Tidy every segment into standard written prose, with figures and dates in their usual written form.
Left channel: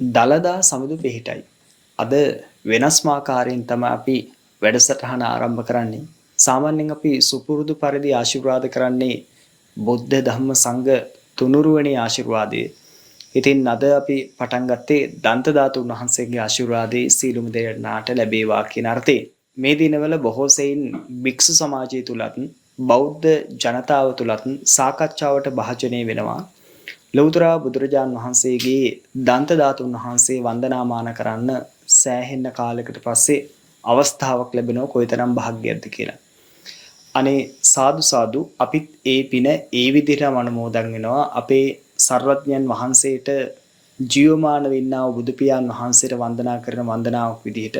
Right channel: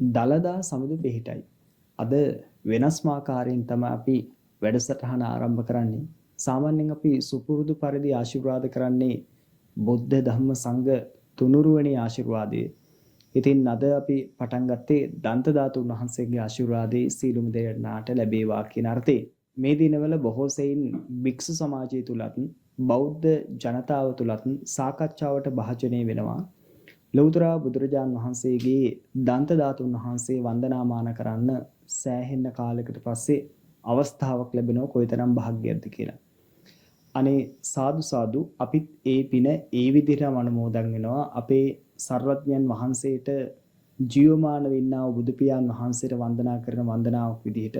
දළදා සමුදු පිහිටයි. අද වෙනස්මාකාරයෙන් තමයි අපි වැඩසටහන ආරම්භ කරන්නේ. සාමාන්‍යයෙන් අපි සුපුරුදු පරිදි ආශිර්වාද කරන්නේ බුද්ධ ධම්ම සංඝ තුනුරුවනේ ආශිර්වාදයේ. ඉතින් අද අපි පටන් ගත්තේ දන්ත ධාතුන් වහන්සේගේ ආශිර්වාදයේ සීලුම දෙනාට ලැබේවා කියන අර්ථයෙන්. මේ දිනවල බොහෝ සෙයින් භික්ෂු සමාජය තුලත් බෞද්ධ ජනතාව තුලත් සාකච්ඡාවට භාජනය වෙනවා. ලෞතර බුදුරජාන් වහන්සේගේ දන්ත ධාතුන් වහන්සේ වන්දනාමාන කරන්න සෑහෙන කාලයකට පස්සේ අවස්ථාවක් ලැබෙනව කොයිතරම් භාග්‍යයක්ද කියලා. අනේ සාදු සාදු අපිත් ඒ පින ඒ විදිහටම අනුමෝදන් වෙනවා. අපේ සර්වඥයන් වහන්සේට ජීවමාන වෙන්නා වූ බුදු පියාණන් වහන්සේට වන්දනා කරන වන්දනාවක් විදිහට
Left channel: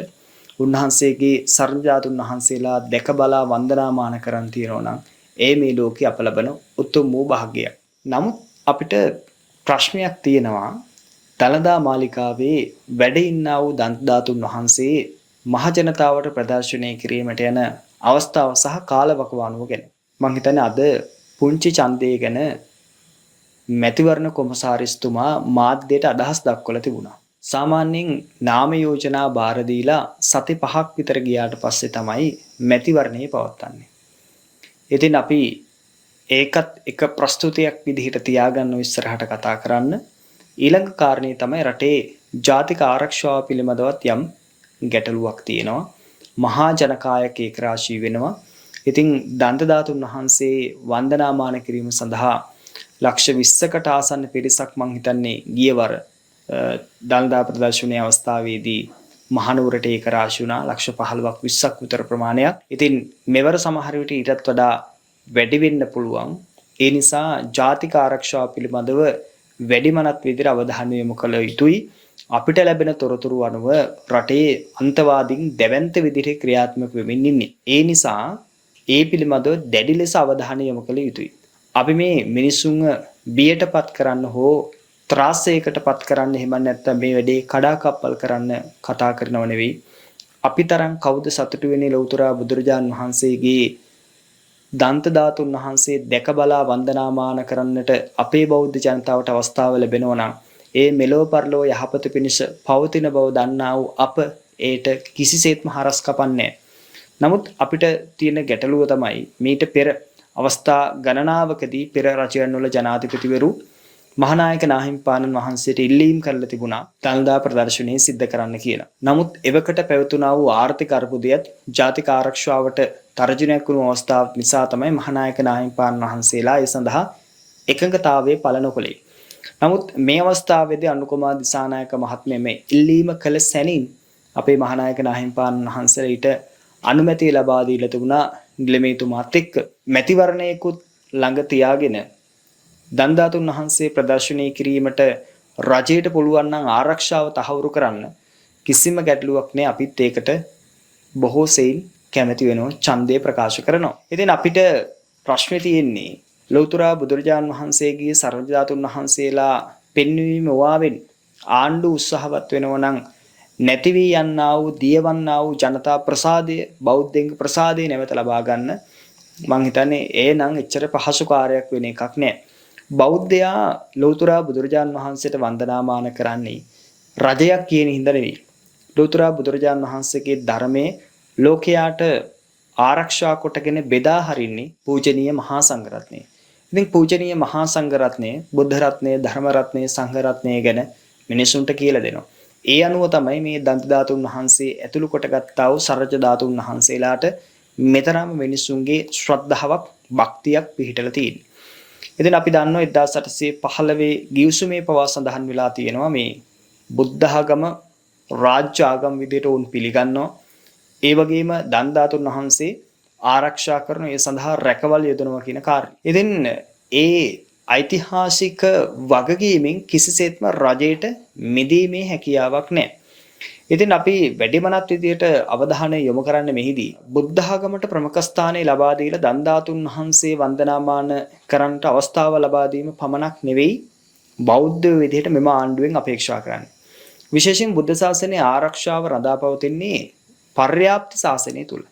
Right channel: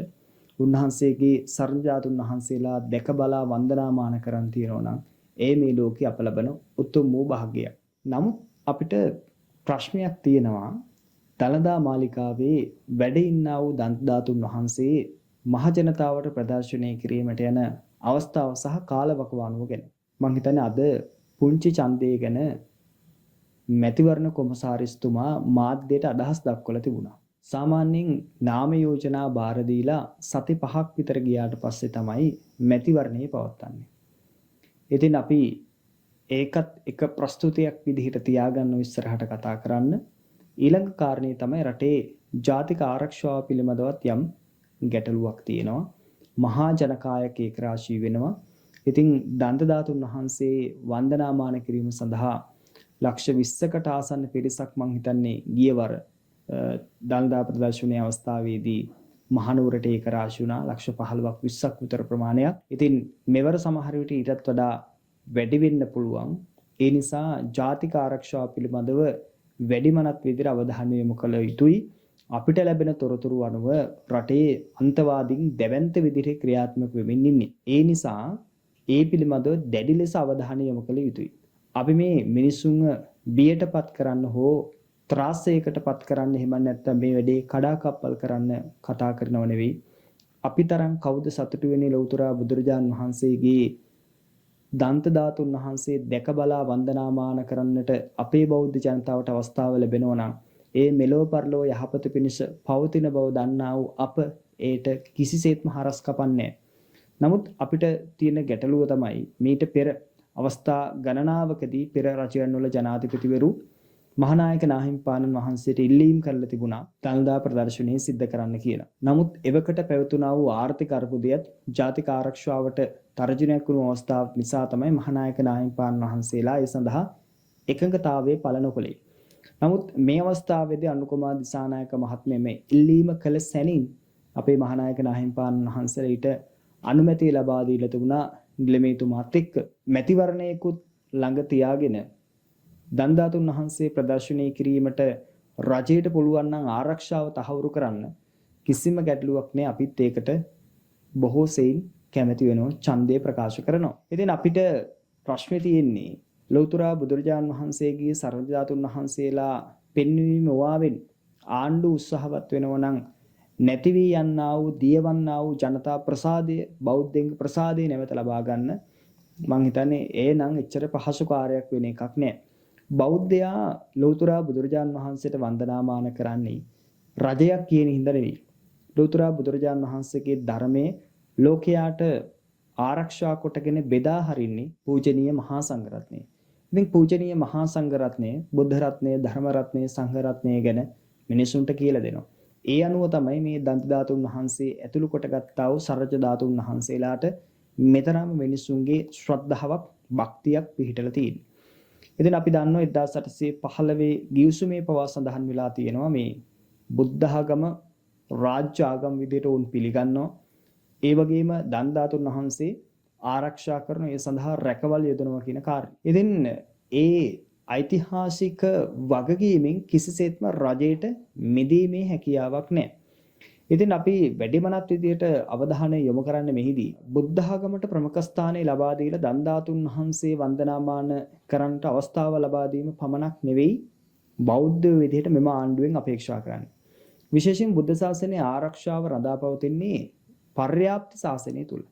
උන්වහන්සේගේ සර්වජාතුන් වහන්සේලා දැක බලා වන්දනාමාන කරන් තියනවා නම් ඒ මේ ලෝකේ අප ලබන උතුම් වූ භාග්‍යයක්. නමුත් අපිට ප්‍රශ්නයක් තියෙනවා. දළදා මාලිකාවේ වැඩ ඉන්නා වූ දන්ත ධාතුන් වහන්සේ මහ ජනතාවට ප්‍රදර්ශනය කිරීමට යන අවස්ථාව සහ කාලවකවානුව ගැන. මම හිතන්නේ අද පුංචි ඡන්දය ගැන මැතිවරණ කොමසාරිස්තුමා මාධ්‍යයට අදහස් දක්වලා තිබුණා. සාමාන්‍යයෙන් නාම යෝජනා බාර දීලා සති 5ක් විතර ගියාට පස්සේ තමයි මැතිවරණය පවත්වන්නේ. ඉතින් අපි ඒකත් එක ප්‍රස්තුතියක් විදිහට තියාගන්න ඉස්සරහට කතා කරන්න. ඊළඟ කාරණේ තමයි රටේ ජාතික ආරක්ෂාව පිළිබඳවත් යම් ගැටලුවක් තියෙනවා. මහා ජනකායක ඒකරාශී වෙනවා. ඉතින් දන්ත ධාතුන් වහන්සේ වන්දනාමාන කිරීම සඳහා ලක්ෂ 20කට ආසන්න පිරිසක් මං හිතන්නේ ගියවර දළදා ප්‍රදර්ශනයේ අවස්ථාවේදී මහනුවරට ඒකරාශී වුණා. ලක්ෂ 15ක් 20ක් විතර ප්‍රමාණයක්. ඉතින් මෙවර සමහර විට ඊටත් වඩා වැඩි වෙන්න පුළුවන්. ඒ නිසා ජාතික ආරක්ෂාව පිළිබඳව වැඩිමනත් විදිහට අවධානය යොමු කළ යුතුයි. අපිට ලැබෙන තොරතුරු අනුව රටේ අන්තවාදීන් දැවැන්ත විදිහට ක්‍රියාත්මක වෙමින් ඉන්නේ. ඒ නිසා ඒ පිළිබඳව දැඩි ලෙස අවධානය යොමු කළ යුතුයි. අපි මේ මිනිසුන්ව බියටපත් කරන්න හෝ ත්‍රාසයකටපත් කරන්න එහෙම නැත්නම් මේ වැඩේ කඩාකප්පල් කරන්න කතා කරනව නෙවෙයි. අපි තරම් කවුද සතුටු වෙන්නේ ලෞතර බුදුරජාන් වහන්සේගේ දන්ත ධාතුන් වහන්සේ දැක බලා වන්දනාමාන කරන්නට අපේ බෞද්ධ ජනතාවට අවස්ථාව ලැබෙනවා නම් ඒ මෙලෝ පරලෝ යහපත පිණිස පවතින බව දන්නා වූ අප ඒට කිසිසේත්ම හරස් කපන්නේ. නමුත් අපිට තියෙන ගැටලුව තමයි මීට පෙර අවස්ථා ගණනාවකදී පෙර රජයන් වල ජනාධිපතිවරු මහානායක නාහිමිපාණන් වහන්සේට ඉල්ලීම් කරලා තිබුණා දළදා ප්‍රදර්ශනය සිද්ධ කරන්න කියලා. නමුත් එවකට පැවතුණා වූ ආර්ථික අර්බුදයත් ජාතික ආරක්ෂාවට තර්ජනයක් වුණු අවස්ථාවක් නිසා තමයි මහානායක නාහිමිපාණන් වහන්සේලා ඒ සඳහා එකඟතාවයේ පළ නොකළේ. නමුත් මේ අවස්ථාවේදී අනුකුමාර දිසානායක මහත්මයා මේ ඉල්ලීම කළ සැනින් අපේ මහානායක නාහිමිපාණන් වහන්සේට අනුමැතිය ලබා දීලා තිබුණා නිලමේතුමාත් එක්ක. මැතිවරණයකුත් ළඟ තියාගෙන දන්ත ධාතුන් වහන්සේ ප්‍රදර්ශනය කිරීමට රජයට පුළුවන් නම් ආරක්ෂාව තහවුරු කරන්න කිසිම ගැටලුවක් නෑ. අපිත් ඒකට බොහෝ සෙයින් කැමැති වෙනවා, ඡන්දය ප්‍රකාශ කරනවා. ඉතින් අපිට ප්‍රශ්නේ තියෙන්නේ ලෞතර බුදුරජාන් වහන්සේගේ සර්ව ධාතුන් වහන්සේලා පෙන්වීම වාවෙන් ආණ්ඩු උත්සාහවත් වෙනවා නම් නැති වී යන්නා වූ දියවන්නා වූ ජනතා ප්‍රසාදය, බෞද්ධයන්ගේ ප්‍රසාදය නැවත ලබා ගන්න මං හිතන්නේ ඒ නම් එච්චර පහසු කාර්යයක් වෙන එකක් නෑ. බෞද්ධයා ලෞතර බුදුරජාන් වහන්සේට වන්දනාමාන කරන්නේ රජයක් කියන හින්දා නෙවෙයි. ලෞතර බුදුරජාන් වහන්සේගේ ධර්මයේ ලෝකයාට ආරක්ෂා කොටගෙන බෙදා හරින්නේ පූජනීය මහා සංඝරත්නය. ඉතින් පූජනීය මහා සංඝරත්නය, බුද්ධ රත්නය, ධර්ම රත්නය, සංඝ රත්නය ගැන මිනිසුන්ට කියලා දෙනවා. ඒ අනුව තමයි මේ දන්ත ධාතුන් වහන්සේ ඇතුළු කොටගත්තා වූ සර්වජ ධාතුන් වහන්සේලාට මෙතරම් මිනිසුන්ගේ ශ්‍රද්ධාවක්, භක්තියක් පිහිටලා තියෙන්නේ. ඉතින් අපි දන්නවා 1815 ගිවිසුමේ පවා සඳහන් වෙලා තියෙනවා මේ බුද්ධ ආගම රාජ්‍ය ආගම විදිහට උන් පිළිගන්නවා. ඒ වගේම දන්ත ධාතුන් වහන්සේ ආරක්ෂා කරන ඒ සඳහා රැකවල් යොදනවා කියන කාර්යය. ඉතින් ඒ ඓතිහාසික වගකීමෙන් කිසිසේත්ම රජයට මිදීමේ හැකියාවක් නැහැ. ඉතින් අපි වැඩිමනත් විදියට අවධානය යොමු කරන්න මෙහිදී බුද්ධ ආගමට ප්‍රමුඛ ස්ථානය ලබා දීලා දන්ත ධාතුන් වහන්සේ වන්දනාමාන කරන්නට අවස්ථාව ලබා දීම පමණක් නෙවෙයි බෞද්ධ විදියට මෙම ආණ්ඩුවෙන් අපේක්ෂා කරන්නේ. විශේෂයෙන් බුද්ධ ශාසනයේ ආරක්ෂාව රඳාපවතින්නේ පර්යාප්ත ශාසනය තුල.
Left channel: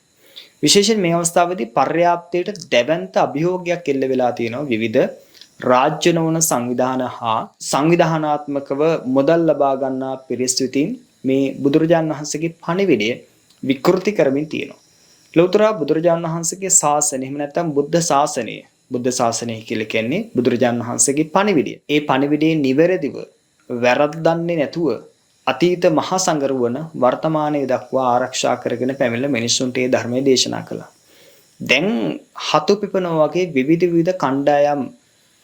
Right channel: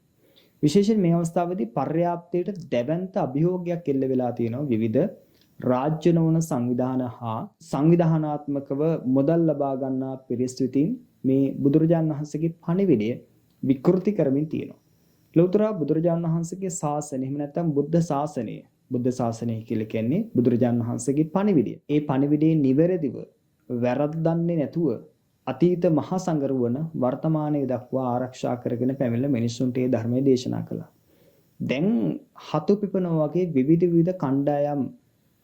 විශේෂයෙන් මේ අවස්ථාවේදී පර්යාප්තයට දැවැන්ත අභියෝගයක් එල්ල වෙලා තියෙනවා විවිධ රාජ්‍ය නොවන සංවිධාන හා සංවිධානාත්මකව මුදල් ලබා ගන්නා පිරිස් විසින් මේ බුදුරජාණන් වහන්සේගේ පණිවිඩය විකෘති කරමින් තියෙනවා. ලෞතර බුදුරජාණන් වහන්සේගේ ශාසනය එහෙම නැත්නම් බුද්ධ ශාසනය කියලා කියන්නේ බුදුරජාණන් වහන්සේගේ පණිවිඩය. ඒ පණිවිඩයේ නිවැරදිව වැරද්දන්නේ නැතුව අතීත මහා සංගරුවන වර්තමානයේ දක්වා ආරක්ෂා කරගෙන පැමිණෙන මිනිසුන්ට ඒ ධර්මයේ දේශනා කළා. දැන් හතු පිපෙනවා වගේ විවිධ කණ්ඩායම්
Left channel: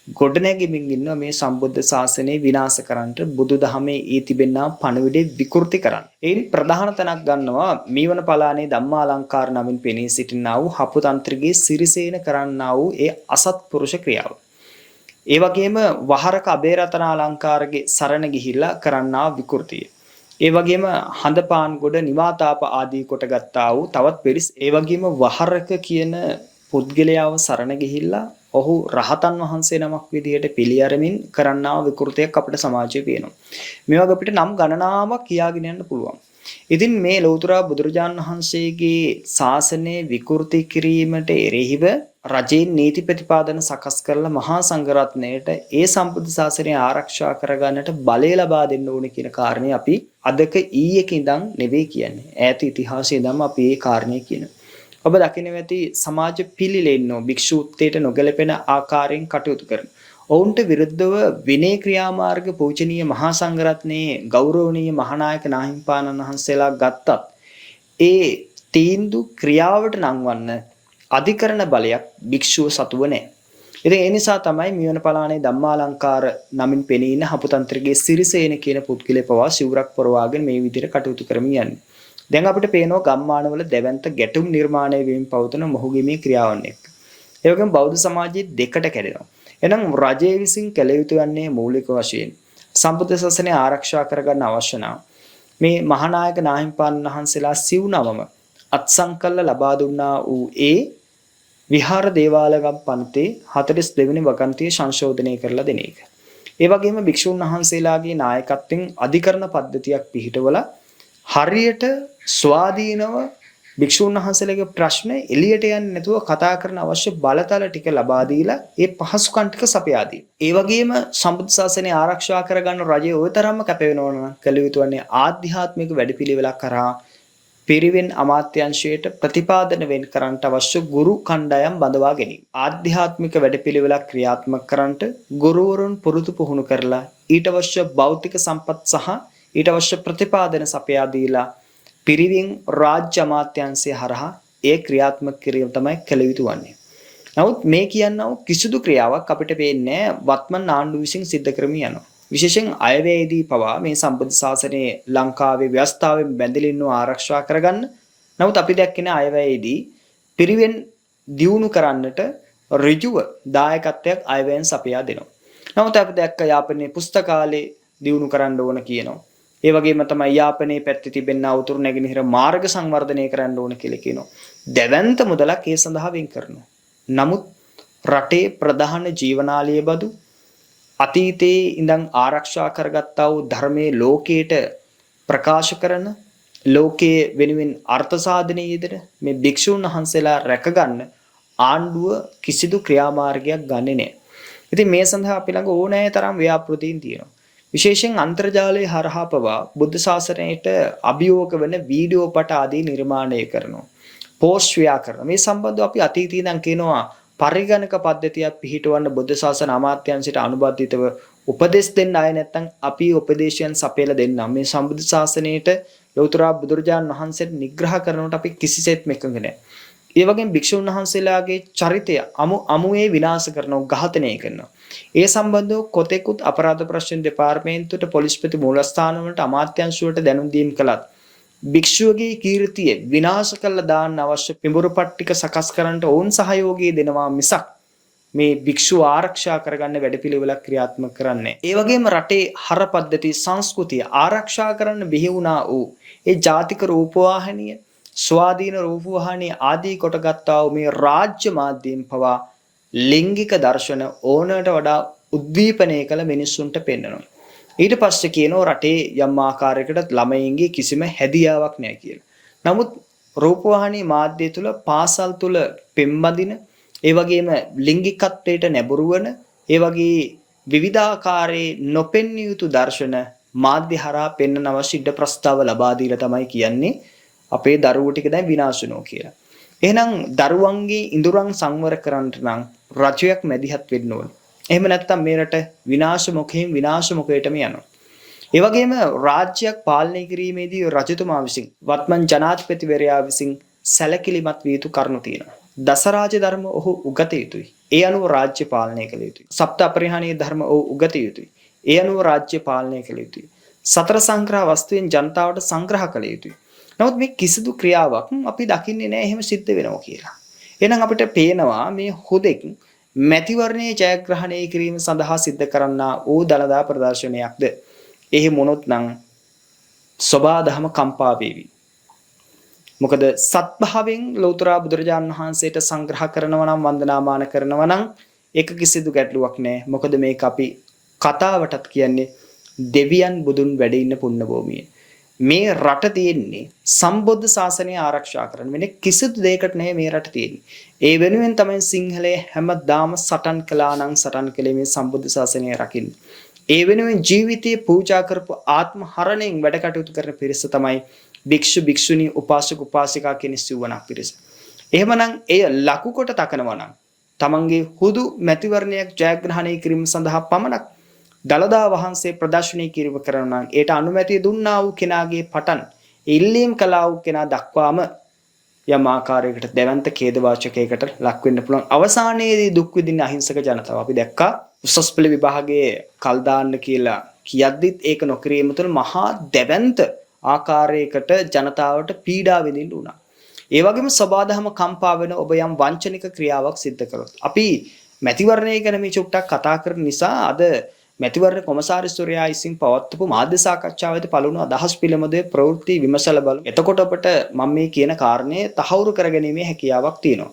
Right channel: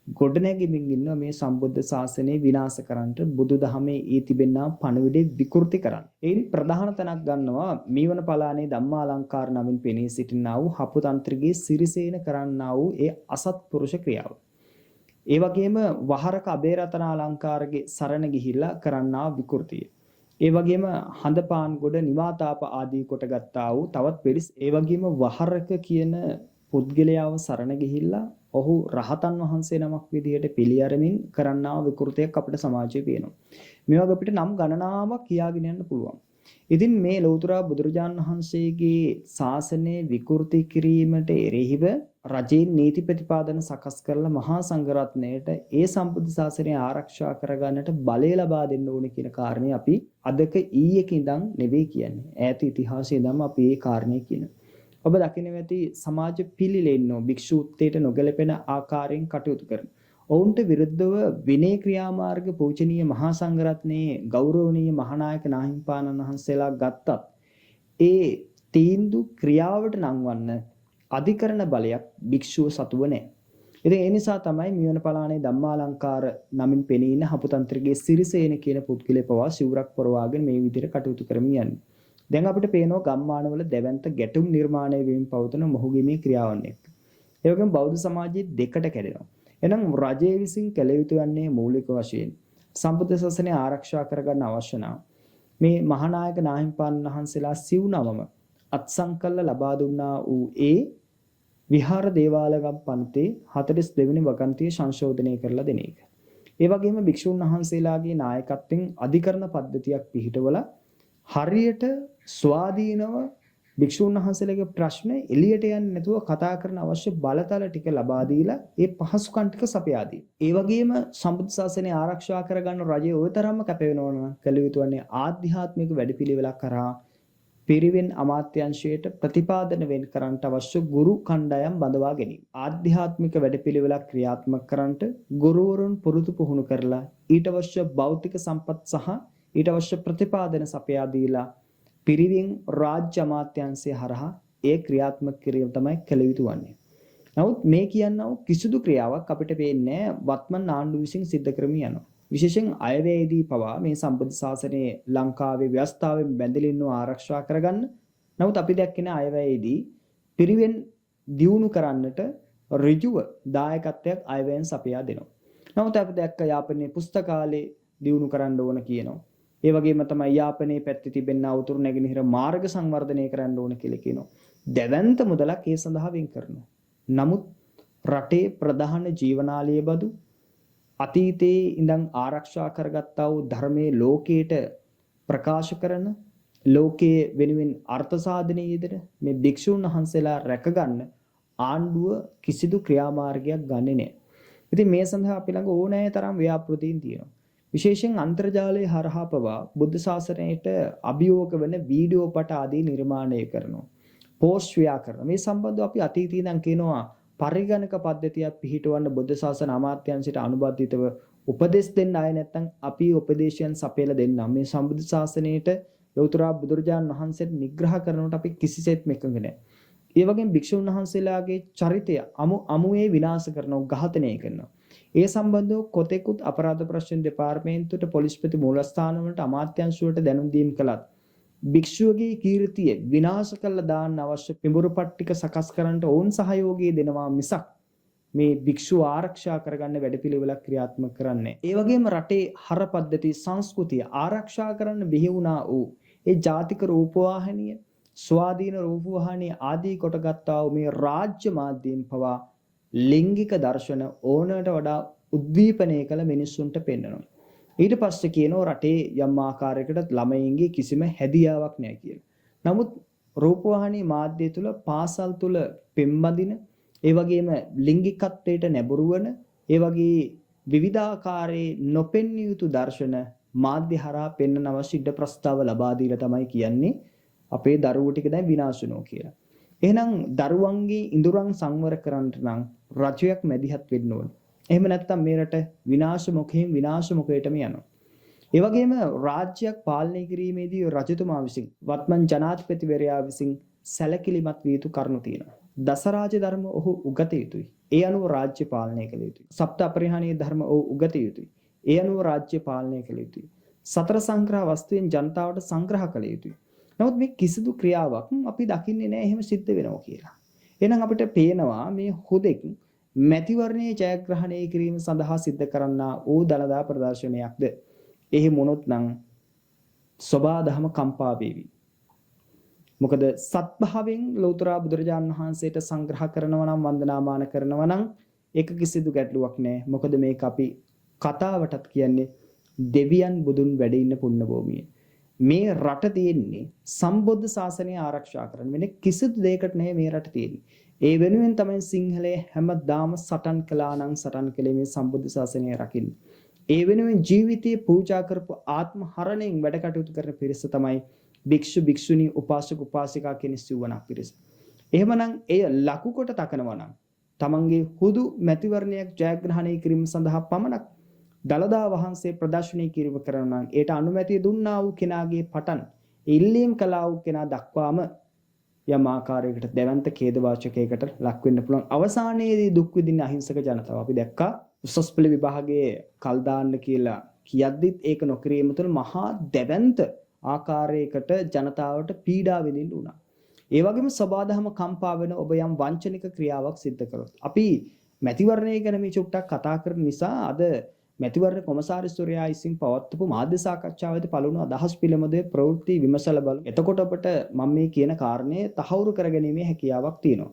ගොඩනැගෙමින් ඉන්නවා මේ සම්බුද්ධ ශාසනය විනාශ කරන්නට බුදුදහමේ ඊ තිබෙනා පණිවිඩය විකෘති කරන්න. ඒන් ප්‍රධාන තැනක් ගන්නවා මීවන පලානේ ධම්මාලංකාර නමින් පෙනී සිටිනා වූ හපුතන්ත්‍රගේ සිරිසේන කරන්නා වූ ඒ අසත්පුරුෂ ක්‍රියාව. ඒ වගේම වහරක අබේරතනාලංකාරගේ සරණ ගිහිල්ලා කරන්නා විකෘතිය. ඒ වගේම හඳපාන් ගොඩ නිවාතාප ආදී කොට ගත්තා වූ තවත් පිරිස් ඒ වගේම වහරක කියන පුද්ගලයාව සරණ ගිහිල්ලා ඔහු රහතන් වහන්සේ නමක් විදිහට පිළි අරමින් කරන්නා විකෘතියක් අපිට සමාජයේ පේනවා. මේ වගේ අපිට නම් ගණනාවක් කියාගෙන යන්න පුළුවන්. ඉතින් මේ ලෞතර බුදුරජාණන් වහන්සේගේ ශාසනය විකෘති කිරීමට එරෙහිව රජයේ නීති ප්‍රතිපාදන සකස් කරලා මහා සංඝරත්නයට ඒ සම්බුද්ධ ශාසනය ආරක්ෂා කරගන්නට බලය ලබා දෙන්න ඕනේ කියන කාරණේ අපි අදක ඊයක ඉඳන් නෙවෙයි කියන්නේ. ඈත ඉතිහාසයේ ඉඳන්ම අපි මේ කාරණේ කියනවා. ඔබ දකින්න ඇති සමාජ පිළිලෙන්නෝ භික්ෂූත්වයට නොගැලපෙන ආකාරයෙන් කටයුතු කරන. ඔවුන්ට විරුද්ධව විනය ක්‍රියාමාර්ග පූජනීය මහා සංඝරත්නයේ ගෞරවනීය මහානායක නාහිම්පාණන් වහන්සේලා ගත්තත් ඒ තීන්දුව ක්‍රියාවට නංවන්න අධිකරණ බලයක් භික්ෂුව සතුව නැහැ. ඉතින් ඒ නිසා තමයි මියවන පලානේ ධම්මාලංකාර නමින් පෙනී ඉන්න හපුතන්ත්‍රගේ සිරිසේන කියන පුද්ගලයා පවා සිවුරක් පොරවාගෙන මේ විදිහට කටයුතු කරමින් යන්නේ. දැන් අපිට පේනවා ගම්මානවල දැවැන්ත ගැටුම් නිර්මාණය වීම පවතන මොහුගේ මේ ක්‍රියාවන් එක්ක. ඒ වගේම බෞද්ධ සමාජයේ දෙකට කැඩෙනවා. එහෙනම් රජයේ විසින් කළ යුතු යන්නේ මූලික වශයෙන් සම්බුද්ධ ශාසනය ආරක්ෂා කරගන්න අවශ්‍ය නම් මේ මහානායක නාහිම්පාණන් වහන්සේලා සිව්නමම අත්සන්කල්ල ලබා දුන්නා වූ ඒ විහාර දේවාලගම් පන්තේ 42 වෙනි වගන්තිය සංශෝධනය කරලා දෙන එක. ඒ වගේම භික්ෂුන් වහන්සේලාගේ නායකත්වයෙන් අධිකරණ පද්ධතියක් පිහිටවලා හරියට ස්වාධීනව භික්ෂුන් වහන්සේලාගේ ප්‍රශ්න එළියට යන්නේ නැතුව කතා කරන අවශ්‍ය බලතල ටික ලබා දීලා ඒ පහසුකම් ටික සපයා දී. ඒ වගේම සම්බුද්ධ ශාසනය ආරක්ෂා කරගන්න රජය ওই තරම්ම කැප වෙනවා නම් කළ යුතු වන්නේ ආධ්‍යාත්මික වැඩපිළිවෙලක් කරා පිරිවෙන් අමාත්‍යංශයට ප්‍රතිපාදන වෙන් කරන්නට අවශ්‍ය ගුරු කණ්ඩායම් බඳවා ගැනීම. ආධ්‍යාත්මික වැඩපිළිවෙලක් ක්‍රියාත්මක කරන්නට ගුරුවරුන් පුරුදු පුහුණු කරලා ඊට අවශ්‍ය භෞතික සම්පත් සහ ඊට අවශ්‍ය ප්‍රතිපාදන සපයා දීලා පිරිවෙන් රාජ්‍ය අමාත්‍යංශය හරහා ඒ ක්‍රියාත්මක කිරීම තමයි කළ යුතු වන්නේ. නමුත් මේ කියනව කිසිදු ක්‍රියාවක් අපිට පේන්නේ වත්මන් ආණ්ඩුව විසින් සිද්ධ කරමින් යනවා. විශේෂයෙන් අයවැයේදී පවා මේ සම්බුද්ධ ශාසනයේ ලංකාවේ ව්‍යවස්ථාවෙන් බැඳලා ඉන්නව ආරක්ෂා කරගන්න. නමුත් අපි දැක්කේ අයවැයේදී පිරිවෙන් දියුණු කරන්නට ඍජුව දායකත්වයක් අයවැයෙන් සපයා දෙනවා. නමුත් අපි දැක්ක යාපනයේ පුස්තකාලේ දියුණු කරන්න ඕන කියනවා. ඒ වගේම තමයි යාපනයේ පැත්තේ තිබෙන උතුරු නැගෙනහිර මාර්ග සංවර්ධනය කරන්න ඕන කියලා කියනවා. දැවැන්ත මුදලක් ඒ සඳහා වෙන් කරනවා. නමුත් රටේ ප්‍රධාන ජීවනාලිය බදු අතීතයේ ඉඳන් ආරක්ෂා කරගත්තා වූ ධර්මයේ ලෝකයට ප්‍රකාශ කරන ලෝකයේ වෙනුවෙන් අර්ථ සාධනයේ යෙදෙන මේ භික්ෂුන් වහන්සේලා රැකගන්න ආණ්ඩුව කිසිදු ක්‍රියාමාර්ගයක් ගන්නෙ නැහැ. ඉතින් මේ සඳහා අපි ළඟ ඕනෑ තරම් ව්‍යාපෘතීන් තියෙනවා. විශේෂයෙන් අන්තර්ජාලයේ හරහා පවා බුද්ධ ශාසනයට අභියෝග වෙන වීඩියෝ පට ආදී නිර්මාණය කරනවා. පෝස්ට් ව්‍යාකරණ මේ සම්බන්ධව අපි අතීතයේ ඉඳන් කියනවා පරිගණක පද්ධතියක් පිහිටවන්න බුද්ධ ශාසන අමාත්‍යාංශයට අනුබද්ධිතව උපදෙස් දෙන්න ආය නැත්නම් අපි උපදේශයන් සපයලා දෙන්නම්. මේ සම්බුද්ධ ශාසනයට ලෞතර බුදුරජාණන් වහන්සේට නිග්‍රහ කරනකොට අපි කිසිසේත්ම එකඟ නැහැ. ඒ වගේම භික්ෂුන් වහන්සේලාගේ චරිතය අමුයේ විනාශ කරනවා, ඝාතනය කරනවා. ඒ සම්බන්ධව කොතෙකුත් අපරාධ ප්‍රශ්න දෙපාර්තමේන්තුවට පොලිස්පති මූලස්ථාන වලට අමාත්‍යාංශ වලට දැනුම් දීම් කළත් භික්ෂුවගේ කීර්තිය විනාශ කළ දාන්න අවශ්‍ය පිඹුරු පට්ටික සකස් කරන්නට ඕන් සහයෝගය දෙනවා මිසක් මේ භික්ෂුව ආරක්ෂා කරගන්න වැඩපිළිවෙලක් ක්‍රියාත්මක කරන්නේ. ඒ වගේම රටේ හර පද්ධති සංස්කෘතිය ආරක්ෂා කරන්න බිහි වුණා වූ ඒ ජාතික රූපවාහිනිය, ස්වාධීන රූපවාහිනිය ආදී කොටගත්තා වූ මේ රාජ්‍ය මාධ්‍යයෙන් පවා ලිංගික දර්ශන ඕනට වඩා උද්දීපනය කළ මිනිස්සුන්ට පෙන්වනවා. ඊට පස්සේ කියනවා රටේ යම් ආකාරයකට ළමයින්ගේ කිසිම හැදියාවක් නැහැ කියලා. නමුත් රූපවාහිනී මාධ්‍ය තුල පාසල් තුල පෙම්බදින ඒ වගේම ලිංගිකත්වයට නැඹුරු වන ඒ වගේ විවිධාකාරයේ නොපෙන්විය යුතු දර්ශන මාධ්‍ය හරහා පෙන්වන අවශ්‍ය ඉඩ ප්‍රස්තාව ලබා දීලා තමයි කියන්නේ අපේ දරුවෝ ටික දැන් විනාශ වෙනවා කියලා. එහෙනම් දරුවන්ගේ ඉඳුරන් සංවර කරන්නට නම් රජයක් මැදිහත් වෙන්න ඕන. එහෙම නැත්නම් මේ රට විනාශ මුඛයෙන් විනාශ මුඛයටම යනවා. ඒ වගේම රාජ්‍යයක් පාලනය කිරීමේදී රජතුමා විසින් වත්මන් ජනාධිපතිවරයා විසින් සැලකිලිමත් විය යුතු කරුණු තියෙනවා. දසරාජ ධර්ම ඔහු උගත යුතුයි. ඒ අනුව රාජ්‍ය පාලනය කළ යුතුයි. සප්ත අපරිහානීය ධර්ම ඔහු උගත යුතුයි. ඒ අනුව රාජ්‍ය පාලනය කළ යුතුයි. සතර සංග්‍රහ වස්තුවෙන් ජනතාවට සංග්‍රහ කළ යුතුයි. නමුත් මේ කිසිදු ක්‍රියාවක් අපි දකින්නේ නැහැ එහෙම සිද්ධ වෙනවා කියලා. එහෙනම් අපිට පේනවා මේ හොදෙක් මැතිවරණයේ ජයග්‍රහණය කිරීම සඳහා සිද්ධ කරන්නා වූ දළදා ප්‍රදර්ශනයක්ද. එහෙ මොනොත් නම් සබා දහම කම්පා වේවි. මොකද සත්භාවයෙන් ලෞතර බුදුරජාණන් වහන්සේට සංග්‍රහ කරනවා නම් වන්දනාමාන කරනවා නම් ඒක කිසිදු ගැටලුවක් නැහැ. මොකද මේක අපි කතාවටත් කියන්නේ දෙවියන් බුදුන් වැඩ ඉන්න පුණ්‍ය භූමිය. මේ රට තියෙන්නේ සම්බුද්ධ ශාසනය ආරක්ෂා කරන්න. වෙන කිසිදු දෙයකට නෙවෙයි මේ රට තියෙන්නේ. ඒ වෙනුවෙන් තමයි සිංහලයේ හැමදාම සටන් කළා නම් සටන් කළේ මේ සම්බුද්ධ ශාසනය රකින්න. ඒ වෙනුවෙන් ජීවිතේ පූජා කරපු ආත්ම හරණයෙන් වැඩ කටයුතු කරන පිරිස තමයි භික්ෂු භික්ෂුණී උපාසක උපාසිකා කියන සිවණක් පිරිස. එහෙමනම් එය ලකු කොට තකනවා නම් තමන්ගේ හුදු මැතිවරණයක් ජයග්‍රහණය කිරීම සඳහා පමණක් දළදා වහන්සේ ප්‍රදර්ශනය කිරීම කරනවා නම් ඒට අනුමැතිය දුන්නා වූ කෙනාගේ පටන් ඉල්ලීම් කළා වූ කෙනා දක්වාම යම් ආකාරයකට දැවැන්ත ඛේදවාචකයකට ලක් වෙන්න පුළුවන්. අවසානයේදී දුක් විඳින අහිංසක ජනතාව අපි දැක්කා. උසස් පෙළ විභාගයේ කල් දාන්න කියලා කියද්දිත් ඒක නොකිරීම තුළ මහා දැවැන්ත ආකාරයකට ජනතාවට පීඩා විඳින්න උනා. ඒ වගේම සබාදහම කම්පා වෙන ඔබ යම් වංචනික ක්‍රියාවක් සිද්ධ කළොත් අපි මැතිවරණය ගැන මේ චුට්ටක් කතා කරන නිසා අද මැතිවරණ කොමසාරිස්වරයා විසින් පවත්වපු මාධ්‍ය සාකච්ඡාවේදී පළවුණු අදහස් පිළිබඳව ප්‍රවෘත්ති විමසලා බලමු. එතකොට අපට මම මේ කියන කාරණේ තහවුරු කරගැනීමේ හැකියාවක් තියෙනවා.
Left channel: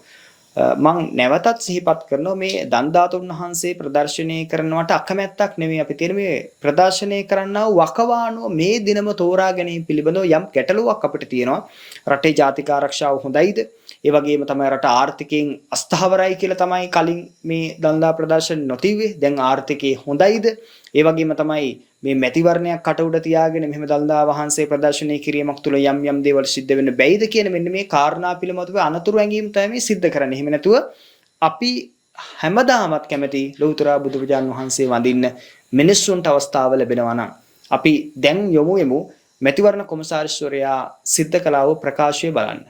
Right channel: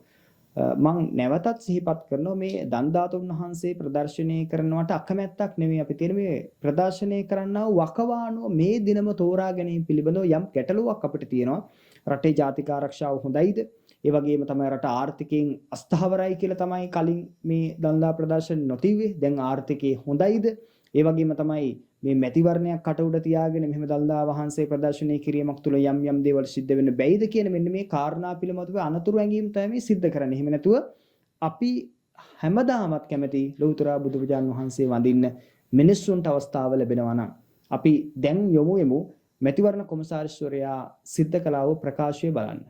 මම නැවතත් සිහිපත් කරනවා මේ දන්දාතුන් වහන්සේ ප්‍රදර්ශනය කරනවට අකමැත්තක් නෙමෙයි අපි තියෙන මේ ප්‍රදර්ශනය කරන්නා වකවානුව මේ දිනම තෝරා ගැනීම පිළිබඳව යම් ගැටලුවක් අපිට තියෙනවා. රටේ ජාතික ආරක්ෂාව හොඳයිද? ඒ වගේම තමයි රට ආර්ථිකයෙන් අස්ථාවරයි කියලා තමයි කලින් මේ දන්දා ප්‍රදර්ශන නොතිව්වේ. දැන් ආර්ථිකේ හොඳයිද? ඒ වගේම තමයි මේ මැතිවරණයක් කටඋඩ තියාගෙන මෙහෙම දළදා වහන්සේ ප්‍රදර්ශනය කිරීමක් තුළ යම් දේවල් සිද්ධ වෙන්න බැයිද කියන මෙන්න මේ කාරණා පිළිබඳව අනතුරු ඇඟීම් තමයි මේ සිද්ධ කරන්නේ. එහෙම නැතුව අපි හැමදාමත් කැමති ලෞතර බුදුරජාන් වහන්සේ වඳින්න මිනිස්සුන්ට අවස්ථාව ලැබෙනවා නම් අපි දැන් යමු මැතිවරණ කොමසාරිස්වරයා සිද්ධ කළා වූ ප්‍රකාශය බලන්න.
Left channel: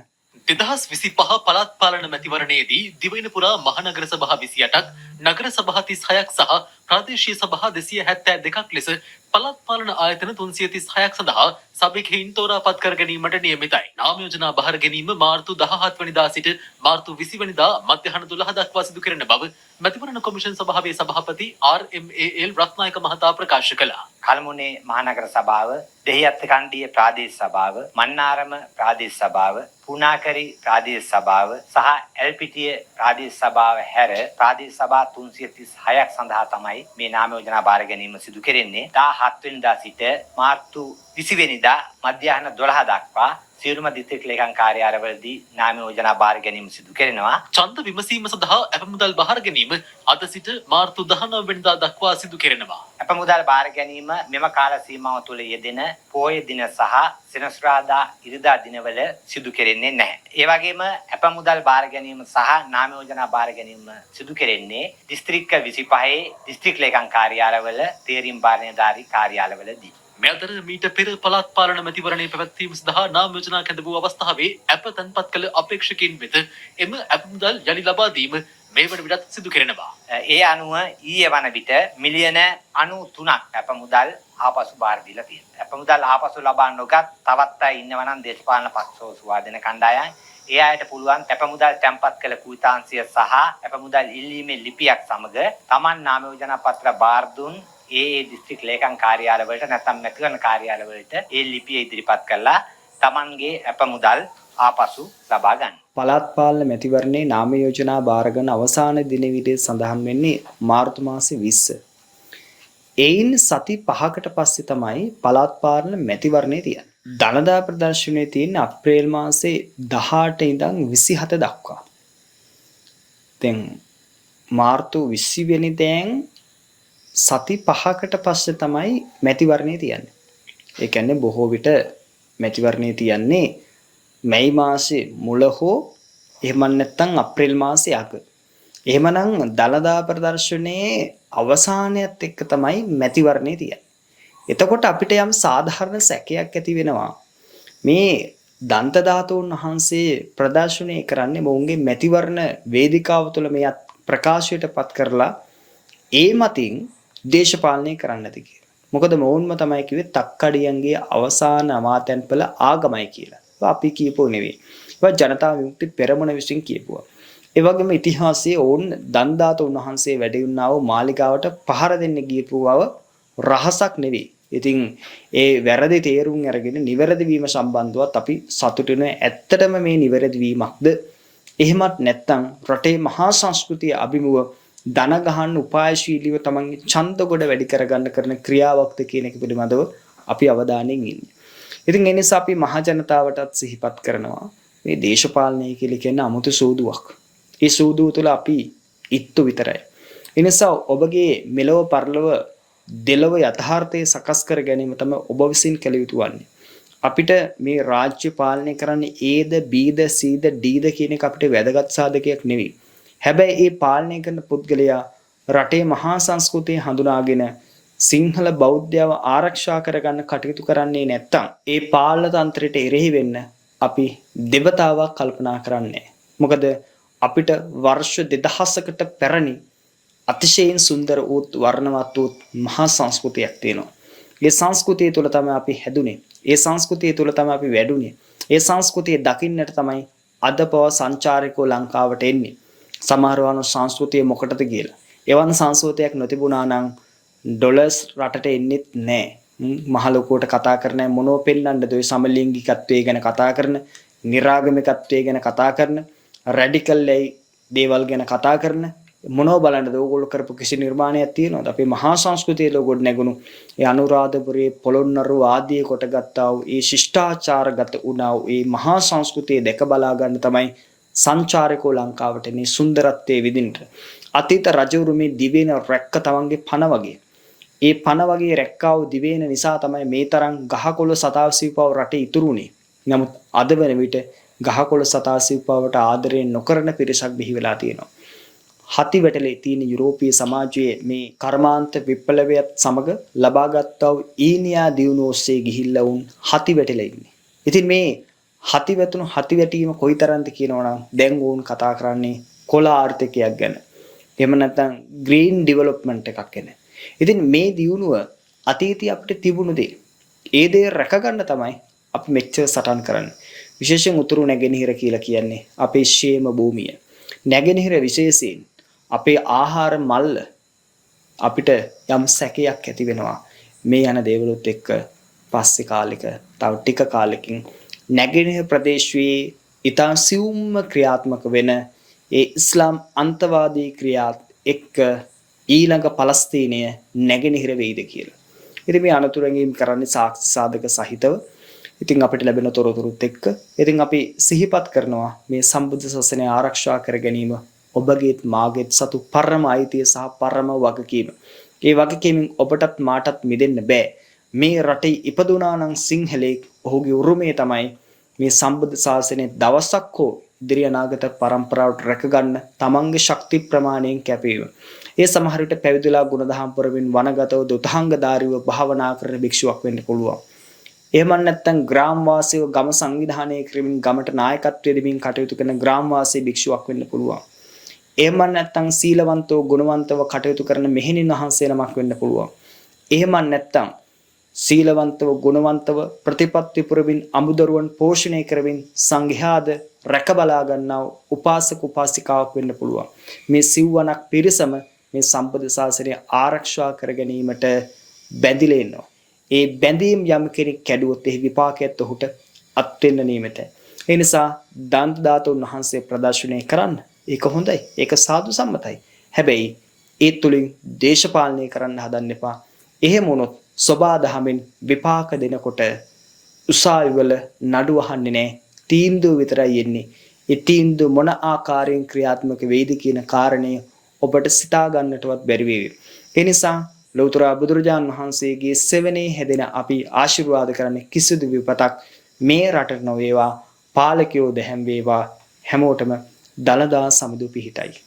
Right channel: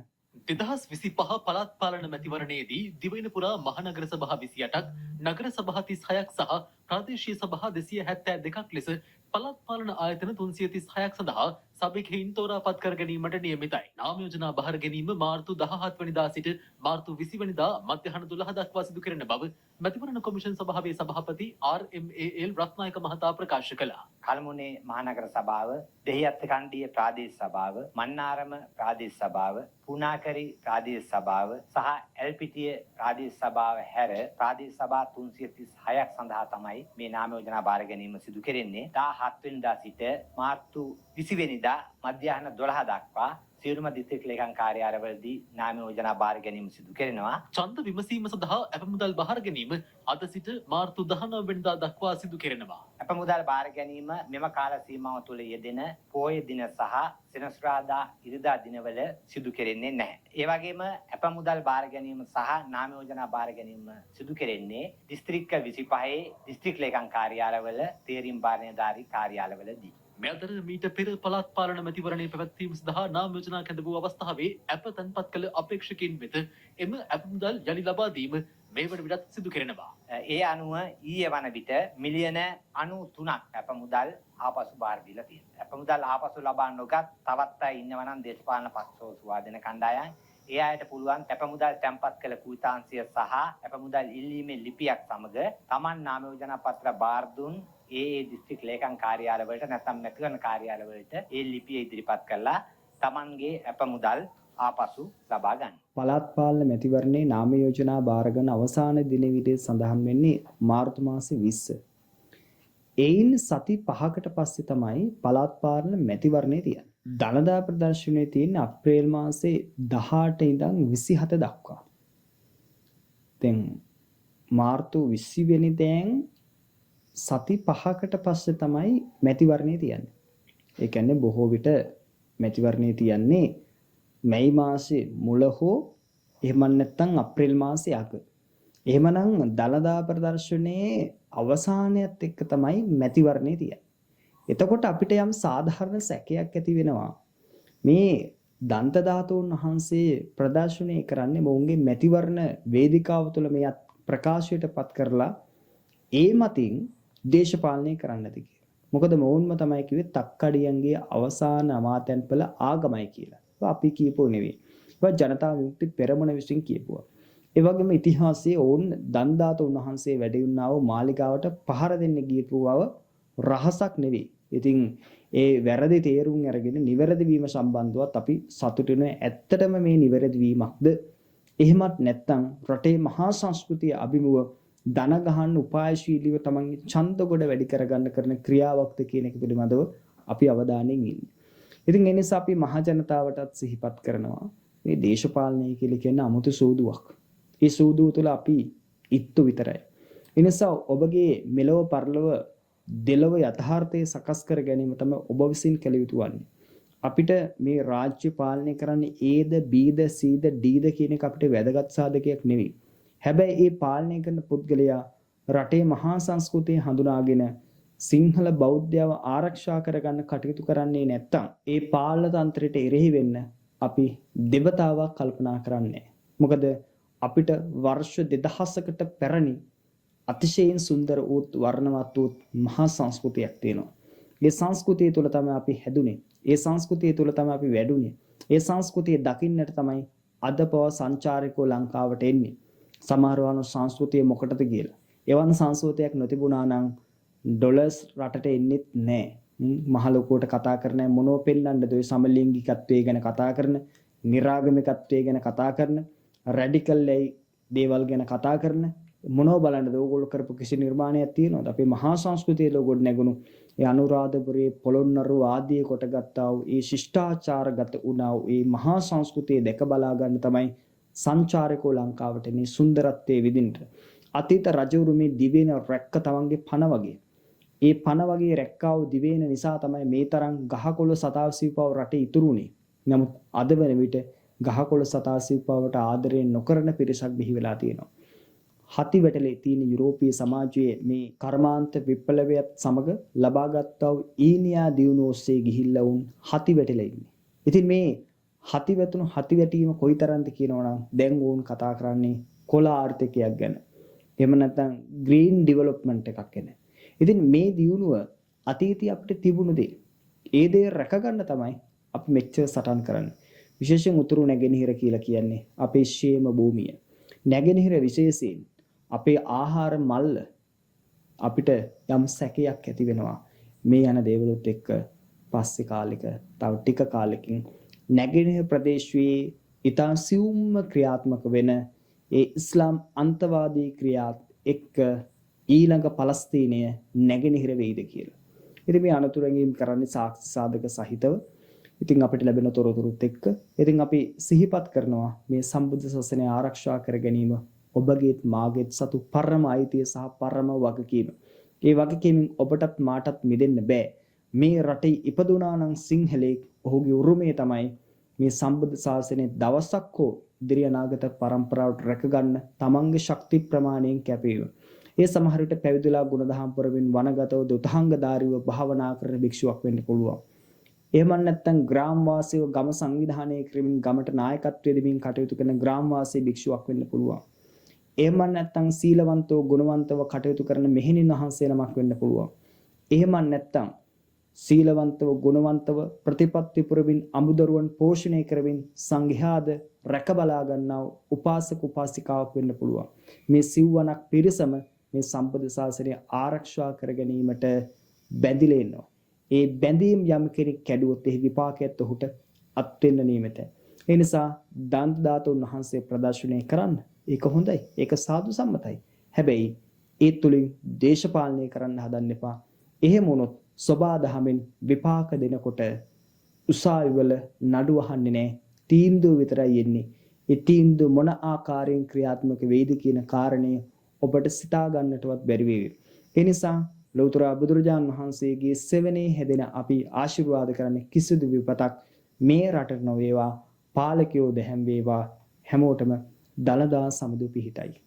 2025 පළාත් පාලන මැතිවරණයේදී දිවයින පුරා මහනගර සභා 28ක්, නගර සභා 36ක් සහ ප්‍රාදේශීය සභා 272ක් ලෙස පළාත් පාලන ආයතන 336ක් සඳහා සභිකයින් තෝරාපත් කර ගැනීමට නියමිතයි. නාම යෝජනා බහර ගැනීම මාර්තු 17 වෙනිදා සිට මාර්තු 20 වෙනිදා මධ්‍යහන 12 දක්වා සිදු කෙරෙන බව මැතිවරණ කොමිෂන් සභාවේ සභාපති RMAL රත්නායක මහතා ප්‍රකාශ කළා. කල්මුනේ මහනගර සභාව, දෙහිඅත්ත කණ්ඩිය ප්‍රාදේශ සභාව, මන්නාරම ප්‍රාදේශ සභාව, පුනාකරි ප්‍රාදේශ සභාව සහ එල්පිටිය ප්‍රාදේශ සභාව හැර ප්‍රාදේශ සභා 336ක් සඳහා තමයි මේ නාම යෝජනා බාර ගැනීම සිදු කෙරෙන්නේ. 17 වෙනිදා සිට මාර්තු 20 වෙනිදා මධ්‍යහන 12 දක්වා සියලුම දිස්ත්‍රික් ලේකම් කාර්යාලවලදී නාම යෝජනා බාර ගැනීම සිදු කෙරෙනවා. ඡන්ද විමසීම සඳහා අපමුදල් බහර ගැනීම අද සිට මාර්තු 19 වෙනිදා දක්වා සිදු කෙරෙනවා. අපමුදල් බාර ගැනීම මෙම කාල සීමාව තුළ යෙදෙන පෝය දින සහ සෙනසුරාදා ඉරිදා දිනවල සිදු කෙරෙන්නේ නැහැ. ඒ වගේම අපමුදල් බාර ගැනීම සහ නාම යෝජනා බාර ගැනීම සිදු කෙරෙන්නේ දිස්ත්‍රික්ක 25 දිස්ත්‍රික් ලේකම් කාර්යාලවල තේරීම් බාරණයධාරී කාර්යාලවලදී. මේ අතර මීට පෙර පළාත් පාලන මැතිවරණය පැවැත්වීම සඳහා නාම යෝජනා කැඳ වූ අවස්ථාවේ අප තන්පත් කළ අපේක්ෂකයින් වෙත එම අපමුදල් යලි ලබා දීම මේ වන විටත් සිදු කෙරෙනවා. ඒ අනුව ඊයේ වන විට මිලියන 93ක් අපමුදල් ආපසු බාර දීලා තියෙනවා. අපමුදල් ආපසු ලබා නොගත් තවත් අය ඉන්නවා නම් දේශපාලන පක්ෂෝ සුවාදෙන කණ්ඩායම් ඒ අයට පුළුවන් අපමුදල් තැන්පත් කළ කුයිතාංශය සහ අපමුදල් ඉල්ලීමේ ලිපියක් සමග Taman නාම යෝජනා පත්‍ර බාර දුන් ඒ දිස්ත්‍රික් ලේකම් කාර්යාලවලට නැත්නම් මැතිවරණ කාර්යාලවලට ඒ ලිපිය ඉදිරිපත් කළා Tamanගේ අපමුදල් ආපසු ලබා ගන්න. පළාත් පාලන මැතිවරණේ නාම යෝජනා බාරගෙන අවසාන දින විදිහට සඳහන් වෙන්නේ මාර්තු මාසේ 20. එයින් සති 5කට පස්සේ තමයි පළාත් පාලන මැතිවරණේ තියෙන්නේ. දළදා ප්‍රදර්ශනයේ තියෙන අප්‍රේල් මාසේ 18 ඉඳන් 27 දක්වා. දැන් මාර්තු 20 වෙනිදෑන් සති 5කට පස්සේ තමයි මැතිවරණය තියන්නේ. ඒ කියන්නේ බොහෝ විට මැතිවරණය තියන්නේ මැයි මාසේ මුල හෝ එහෙම නැත්නම් අප්‍රේල් මාසේ අග. එහෙමනම් දළදා ප්‍රදර්ශනයේ අවසානයත් එක්ක තමයි මැතිවරණය තියන්නේ. එතකොට අපිට යම් සාධාරණ සැකයක් ඇති වෙනවා. මේ දන්ත ධාතුන් වහන්සේ ප්‍රදර්ශනය කරන්නේ මොවුන්ගේ මැතිවරණ වේදිකාව තුළ මේ ප්‍රකාශයට පත් කරලා ඒ මතින් දේශපාලනය කරන්නද කියලා. මොකද මොවුන්ම තමයි කිව්වේ තක්කඩියන්ගේ අවසාන අමාත්‍යන්පල ආගමයි කියලා. අපි කියපෝ නෙවෙයි. ඒවා ජනතා විමුක්ති පෙරමුණ විසින් කියපුවා. ඒ වගේම ඉතිහාසයේ ඔවුන් දන් ධාතුන් වහන්සේ වැඩ වුණා වූ මාලිගාවට පහර දෙන්න ගියපු බව රහසක් නෙවෙයි. ඉතින් ඒ වැරදි තේරුම් අරගෙන නිවැරදි වීම සම්බන්ධවත් අපි සතුටු වෙන ඇත්තටම මේ නිවැරදි වීමක්ද එහෙමත් නැත්නම් රටේ මහා සංස්කෘතිය අභිමුව දන ගහන්න උපායශීලීව තමන්ගේ ඡන්ද ගොඩ වැඩි කරගන්න කරන ක්‍රියාවක්ද කියන එක පිළිබඳව අපි අවධානයෙන් ඉන්නේ. ඉතින් ඒ නිසා අපි මහ ජනතාවටත් සිහිපත් කරනවා මේ දේශපාලනය කියලා කියන්නේ අමුතු සූදුවක්. ඒ සූදුව තුළ අපි ඉත්තු විතරයි. ඒ නිසා ඔබගේ මෙලව පරලව දෙලව යථාර්ථයේ සකස් කර ගැනීම තමයි ඔබ විසින් කළ යුතු වන්නේ. අපිට මේ රාජ්‍ය පාලනය කරන්නේ Aද Bද Cද Dද කියන එක අපිට වැදගත් සාධකයක් නෙවෙයි. හැබැයි මේ පාලනය කරන පුද්ගලයා රටේ මහා සංස්කෘතිය හඳුනාගෙන සිංහල බෞද්ධයව ආරක්ෂා කරගන්න කටයුතු කරන්නේ නැත්තම් ඒ පාලන තන්ත්‍රයට එරෙහි වෙන්න අපි දෙවතාවක් කල්පනා කරන්නේ. මොකද අපිට වර්ෂ 2000කට පැරණි අතිශයින් සුන්දර වූ වර්ණවත් වූ මහා සංස්කෘතියක් තියෙනවා. ඒ සංස්කෘතිය තුළ තමයි අපි හැදුනේ. ඒ සංස්කෘතිය තුළ තමයි අපි වැඩුණේ. ඒ සංස්කෘතිය දකින්නට තමයි අද පව සංචාරකෝ ලංකාවට එන්නේ. සමහරවන සංස්කෘතිය මොකටද කියලා. එවන් සංස්කෘතියක් නොතිබුණා නම් ඩොලර්ස් රටට එන්නෙත් නැහැ. මහ ලොකුවට කතා කරන මොනෝ පෙන්නන්නද ඔය සමලිංගිකත්වයේ ගැන කතා කරන, නිරාගමිකත්වයේ ගැන කතා කරන, රැඩිකල් දේවල් ගැන කතා කරන මොනෝ බලන්නද ඕගොල්ලෝ කරපු කිසි නිර්මාණයක් තියෙනවද? අපේ මහා සංස්කෘතියේ ලෝගොඩ නැගුණු ඒ අනුරාධපුරයේ පොළොන්නරු ආදී කොට ගත්තා වූ ඒ ශිෂ්ටාචාරගත වුණා වූ ඒ මහා සංස්කෘතිය දැක බලා ගන්න තමයි සංචාරකෝ ලංකාවට මේ සුන්දරත්වයේ විඳින්න. අතීත රජවරු මේ දිවයින රැක්ක තමන්ගේ පණ වගේ. ඒ පණ වගේ රැක්කා වූ දිවයින නිසා තමයි මේ තරම් ගහකොළ සතාසිව්පව රටේ ඉතුරුනේ. නමුත් අද වෙන විට ගහකොළ සතාසිව්පවට ආදරේ නොකරන පිරිසක් බිහි වෙලා තියෙනවා. හති වැටලේ තියෙන යුරෝපීය සමාජයේ මේ කර්මාන්ත විප්ලවයත් සමග ලබාගත්තා වූ ඊනියා දියුණුව ඔස්සේ ගිහිල්ලා වුන් හති වැටලා ඉන්නේ. ඉතින් මේ හති වැටුණු හති වැටීම කොයිතරම්ද කියනවනම් දැන් වුන් කතා කරන්නේ කොළ ආර්ථිකයක් ගැන. එහෙම නැත්නම් ග්‍රීන් ඩෙවලොප්මන්ට් එකක් ගැන. ඉතින් මේ දියුණුව අතීතයේ අපිට තිබුණු දේ. ඒ දේ රැකගන්න තමයි අපි මෙච්චර සටන් කරන්නේ. විශේෂයෙන් උතුරු නැගෙනහිර කියලා කියන්නේ අපේ ශේම භූමිය. නැගෙනහිර විශේෂයෙන් අපේ ආහාර මල්ල අපිට යම් සැකයක් ඇති වෙනවා. මේ යන දේවලුත් එක්ක පස්සේ කාලෙක තව ටික කාලෙකින් නැගෙනහිර ප්‍රදේශයේ ඊටා සියුම්ම ක්‍රියාත්මක වෙන ඒ ඉස්ලාම් අන්තවාදී ක්‍රියාත් එක්ක ඊළඟ පලස්තීනය නැගෙනහිර වෙයිද කියලා. ඉතින් මේ අනතුරුකින් කරන්නේ සාක්ෂි සාධක සහිතව. ඉතින් අපිට ලැබෙන තොරතුරුත් එක්ක ඉතින් අපි සිහිපත් කරනවා මේ සම්බුද්ධ ශාසනය ආරක්ෂා කර ගැනීම ඔබගේත් මාගේත් සතු පරම අයිතිය සහ පරම වගකීම. ඒ වගකීමෙන් ඔබටත් මාටත් මිදෙන්න බෑ. මේ රටේ ඉපදුනා නම් සිංහලෙක් ඔහුගේ උරුමය තමයි මේ සම්බුද්ධ ශාසනය දවසක් හෝ ඉදිරි අනාගත පරම්පරාවට රැකගන්න තමන්ගේ ශක්ති ප්‍රමාණයෙන් කැපවීම. ඒ සමහර විට පැවිදිලා ගුණදහම් පුරමින් වනගතව දුතහංගධාරීව භාවනා කරන භික්ෂුවක් වෙන්න පුළුවන්. එහෙම නැත්නම් ග්‍රාම වාසීව ගම සංවිධානය කරමින් ගමට නායකත්වය දෙමින් කටයුතු කරන ග්‍රාම වාසී භික්ෂුවක් වෙන්න පුළුවන්. එහෙම නැත්නම් සීලවන්තව ගුණවන්තව කටයුතු කරන මෙහෙණින් වහන්සේ නමක් වෙන්න පුළුවන්. එහෙම නැත්නම් සීලවන්තව ගුණවන්තව ප්‍රතිපත්ති පුරමින් අමුදරුවන් පෝෂණය කරමින් සංඝයාද රැක බලා ගන්නා උපාසක උපාසිකාවක් වෙන්න පුළුවන්. මේ සිව්වනක් පිරිසම මේ සම්බුද්ධ ශාසනය ආරක්ෂා කර ගැනීමට බැඳිලා ඉන්නවා. ඒ බැඳීම් යම් කෙනෙක් කැඩුවොත් එහි විපාකයත් ඔහුට අත් වෙන්න නියමිතයි. ඒ නිසා දන්ත ධාතුන් වහන්සේ ප්‍රදර්ශනය කරන්න. ඒක හොඳයි. ඒක සාදු සම්මතයි. හැබැයි ඒ තුලින් දේශපාලනය කරන්න හදන්න එපා. එහෙම වුණොත් සබා දහමෙන් විපාක දෙනකොට උසාවිවල නඩු අහන්නේ නැහැ. තීන්දුව විතරයි එන්නේ. ඒ තීන්දුව මොන ආකාරයෙන් ක්‍රියාත්මක වෙයිද කියන කාරණය ඔබට සිතා ගන්නටවත් බැරි වේවි. ඒ නිසා ලෞතර බුදුරජාන් වහන්සේගේ සෙවණේ හැදෙන අපි ආශිර්වාද කරන්නේ කිසිදු විපතක් මේ රටට නොවේවා, පාලකයෝ දැහැම් වේවා, හැමෝටම දලදා සමුදු පිහිටයි.